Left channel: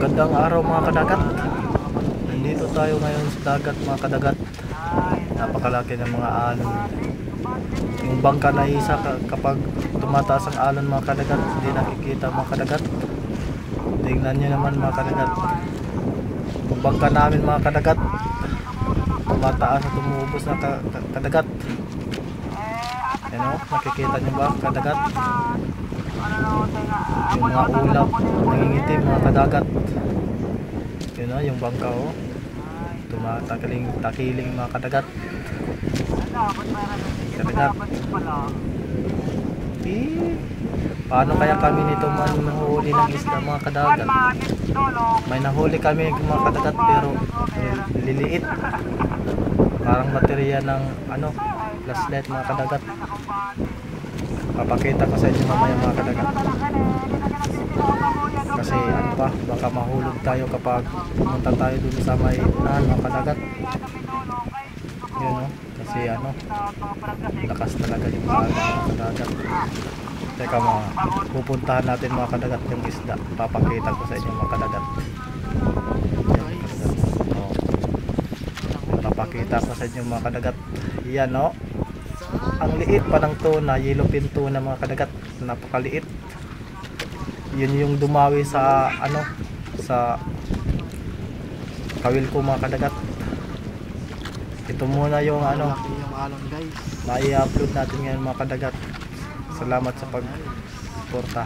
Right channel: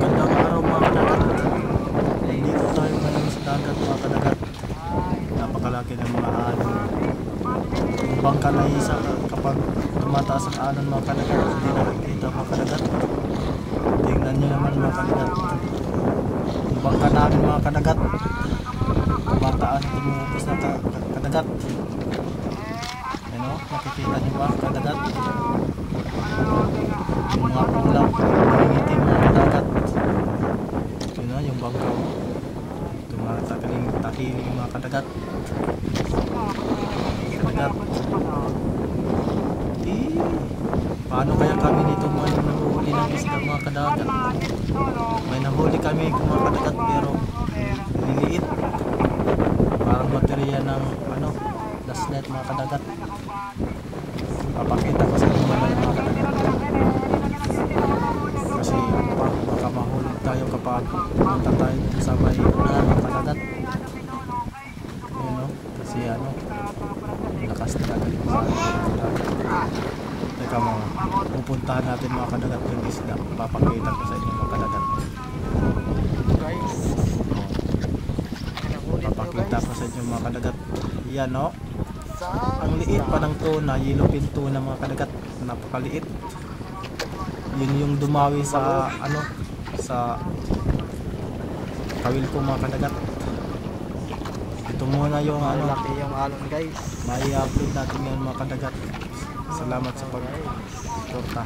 Magandang araw mga kadagat. Nandito tayo ngayon sa dagat mga kadagat. Napakalaki ng mga alon. Yung bangka na isa kapag tumataas ang alon mga kadagat, hindi nakikita mga kadagat. Tingnan nyo naman mga kadagat. Yung bangka namin mga kadagat, tumataas at tumuubos na kadagat. Yan o, nakikita nyo ba kadagat? Yung mga ulap nangingitim mga kadagat. Yun o, yung bangka o, tumatakiling mga kadagat. Kadagat. Paano kaya kami nito manhuli ng isda mga kadagat? May nahuli kami mga kadagat pero liliit, parang baterya ng flashlight mga kadagat. Papakita ko sa inyo mamaya mga kadagat. Kasi baka mahulog tayo kapag pumunta tayo dun sa may unahan mga kadagat. Yun o, kasi lakas talaga yung alon mga kadagat. Teka mga, pupuntahan natin mga kadagat yung isda. Papakita ko sa inyo mga kadagat. Papakita ko sa inyo mga kadagat. Yan o, ang liit pa ng tuna, yellowfin tuna mga kadagat. Napakaliit. Yun yung dumawi sa sa kawil ko mga kadagat. Ito muna yung laki yung alon guys. mai-upload natin ngayon mga kadagat. Salamat sa pag-suporta.